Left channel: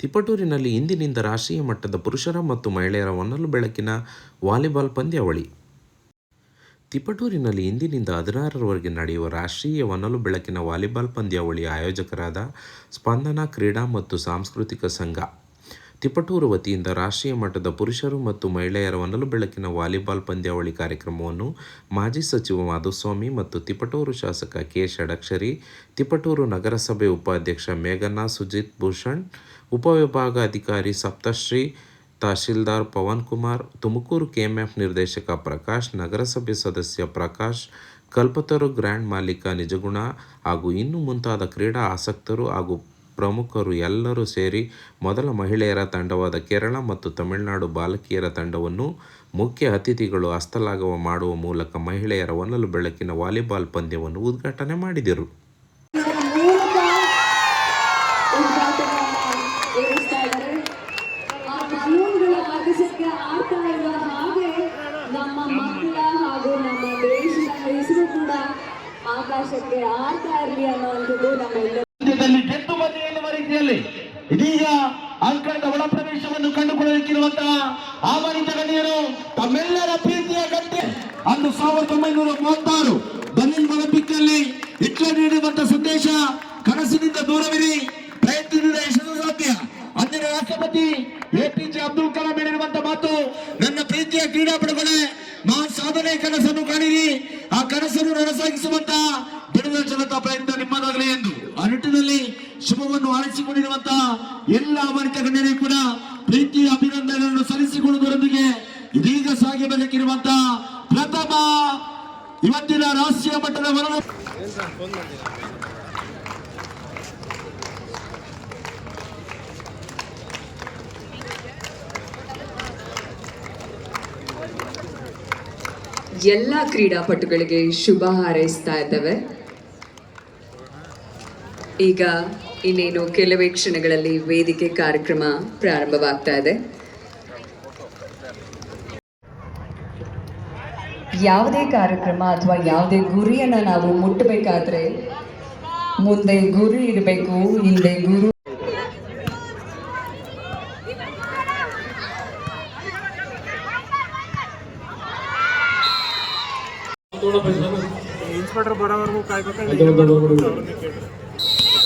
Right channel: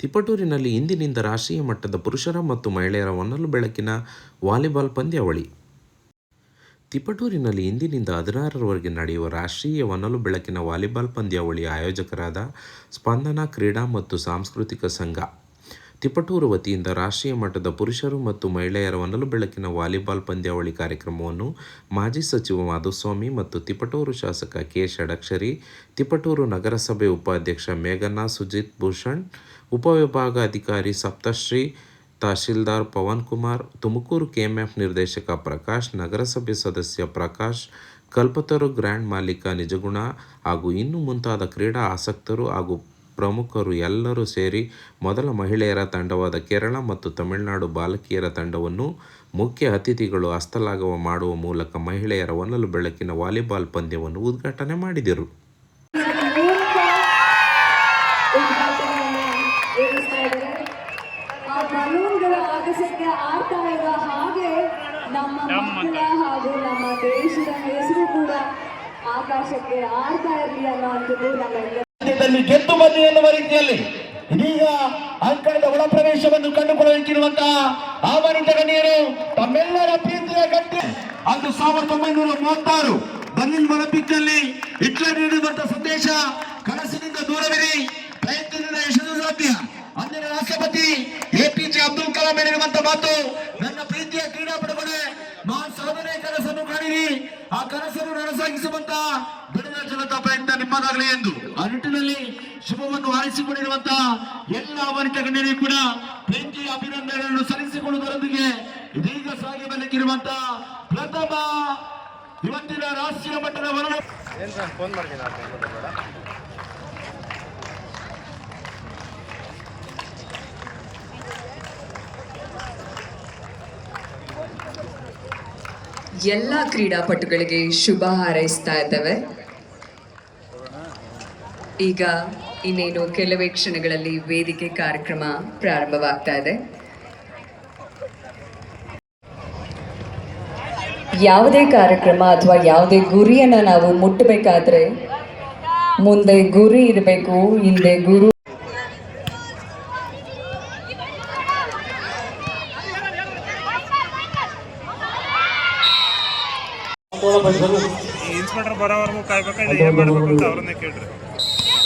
ತಿಪಟೂರಿನಲ್ಲಿ ಇಂದಿನಿಂದ ರಾಷ್ಟ್ರೀಯ ಮಟ್ಟದ ಪುರುಷರ ಮತ್ತು ಮಹಿಳೆಯರ ಒನ್ನಲು ಬೆಳಕಿನ ವಾಲಿಬಾಲ್ ಪಂದ್ಯಾವಳಿ. ತಿಪಟೂರಿನಲ್ಲಿ ಇಂದಿನಿಂದ ಹದಿನಾರರವರೆಗೆ ನಡೆಯುವ ರಾಷ್ಟ್ರೀಯ ಒನ್ನಲು ಬೆಳಕಿನ ವಾಲಿಬಾಲ್ ಪಂದ್ಯಾವಳಿಯ ಆಯೋಜಕರಾದ ಸ್ಪಂದನ ಕ್ರೀಡಾ ಮತ್ತು ಸಾಂಸ್ಕೃತಿಕ ಸಂಘ ತಿಪಟೂರು ವತಿಯಿಂದ ರಾಷ್ಟ್ರೀಯ ಮಟ್ಟದ ಪುರುಷರು ಮತ್ತು ಮಹಿಳೆಯರ ಒನಲು ಬೆಳಕಿನ ವಾಲಿಬಾಲ್ ಪಂದ್ಯಾವಳಿ ಕಾರ್ಯಕ್ರಮವನ್ನು ಮಾಜಿ ಸಚಿವ ಮಾಧುಸ್ವಾಮಿ ಮತ್ತು ತಿಪಟೂರು ಶಾಸಕ ಕೆ ಷಡಕ್ಷರಿ, ತಿಪಟೂರು ನಗರಸಭೆ ಉಪಾಧ್ಯಕ್ಷ ಮೇಘನಾ ಸುಜಿತ್ ಭೂಷಣ್ ಉಪವಿಭಾಗಾಧಿಕಾರಿ Saptashri, tahsildar Pavan Kumar, Tumakuru K M F ನಿರ್ದೇಶಕ ಪ್ರಕಾಶ್, ನಗರಸಭೆ ಸದಸ್ಯ ಪ್ರಕಾಶ್, ಕಲ್ಪತರು ಗ್ರ್ಯಾಂಡ್ ಮಾಲೀಕ ನಿಜಗುಣ ಹಾಗೂ ಇನ್ನು ಮುಂತಾದ ಕ್ರೀಡಾ ಆಸಕ್ತರು ಹಾಗೂ ಪ್ರಮುಖರು ಎಲ್ಲರೂ ಸೇರಿ ಮೊದಲ ಮಹಿಳೆಯರ ತಂಡವಾದ ಕೇರಳ ಮತ್ತು ತಮಿಳುನಾಡು ಬಾಲಕಿಯರ ತಂಡವನ್ನು ಮುಖ್ಯ ಅತಿಥಿಗಳು ಹಸ್ತಲಾಘವ ಮಾಡುವ ಮೂಲಕ ಮಹಿಳೆಯರ ಒನಲು ಬೆಳಕಿನ ವಾಲಿಬಾಲ್ ಪಂದ್ಯವನ್ನು ಉದ್ಘಾಟನೆ ಮಾಡಿದರು. ಆಕಾಶಕ್ಕೆ ಆಡ್ತಾ ಇರಲಿ ಅನ್ನುವಂಥದ್ದು ರಾಜ್ಯದಲ್ಲಿ ಗೆದ್ದು ಬನ್ನಿ ಎನ್ನುವ ರೀತಿಯಲ್ಲಿ ಇದೀಗ ಅಂಕಣದ ಒಳ ಪ್ರವೇಶವನ್ನು ಕಂಡುಕೊಳ್ಳುತ್ತಿರುವಂತಹ ಆಹ್ವಾನಿತ ಗಣ್ಯರು ತಮ್ಮೆಲ್ಲರ ಪ್ರೀತಿಯ ಗಂಟೆ. ಅಂದು ಸಾವಿರದ ಒಂಬೈನೂರ ಮೂವತ್ತಾರು ಬನ್ನಿಲ್ ಮನಪಿಕ್ನಲ್ಲಿ ಹಿಟ್ಲರ್ ನೀಡಿದಂತ ಸಂದೇಶ ಕನಸಿನಿಂದ ದೂರವಿರಿ. ಪ್ರಯತ್ನದಿಂದ ಯಶಸ್ಸು ಸಾಧ್ಯ. ಅಂದಿನ ರಾಷ್ಟ್ರಪತಿ ಎಪಿಜೆ ಅಬ್ದುಲ್ ಕಲಾಂ ಹೇಳಿರುವಂತ ಮಾತು, ನನ್ನ ಪ್ರೀತಿಯ ಕ್ರೀಡಾಪಟುಗಳೇ, ಮಹಾನ್ ಸಾಧನೆ ಕನಸನ್ನು ಕಾಣಿರಿ. ಆ ಕನಸನ್ನು ನನಸಾಗಿಸುವಂತ ಬಿಡುವ ಜನತಾ ಪ್ರಯತ್ನ ನಿಮ್ಮದಾಗಲಿ ಎಂದು. ಆ ನಿಟ್ಟಿನಲ್ಲಿ ಶುಭವನ್ನು ಹಾರಿಸಿಕೊಂಡಿರುವಂತಹ ಎಲ್ಲ ಆಹ್ವಾನಿತ ಗಣ್ಯರಿಗೂ ಕೂಡ ಪ್ರೀತಿ ಅಭಿನಂದನೆಗಳನ್ನು ಸಲ್ಲಿಸಿಕೊಳ್ಳುವುದರೊಂದಿಗೆ ಇದೀಗ ಸಾಗಬೇಕಿರುವಂತಹ ಪ್ರಥಮ ಇವತ್ತಿನ ರಾಷ್ಟ್ರೀಯ ಮಟ್ಟದ ವರಣ ಎಲ್ಲ ಕ್ರೀಡಾಪಟುಗಳಿಗೆ ಶುಭ ಹಾರೈಸ್ತಾ ಇದ್ದೇವೆ. ಈಗ ಇನ್ನೇನು ಕೆಲವೇ ಕ್ಷಣಗಳಲ್ಲಿ ವೇದಿಕೆ ಕಾರ್ಯಕ್ರಮ ಪ್ರಾರಂಭವಾಗ್ತಾ ಇದೆ. ಯಾವುದೇ ಕಾರ್ಯಕ್ರಮ ಅಥವಾ ಯಾವುದೇ ಗುರಿಯನ್ನ ನಾವು ಮುಟ್ಟಬೇಕಾದ್ರೆ ಮುಂದೆ ಗುರಿ ಇರಬೇಕು ಹಿಂದೆ ಗುರು ಇನ್ಸ್ಪೆಕ್ಟರ್ ಬರೋವರೆಗೂ ಕಾಯ್ಬೇಕು ಏನ್ ಮಾಡ್ಬೇಕು ಅಂತ ಅವ್ರನ್ನೇ ಕೇಳ್ರಿ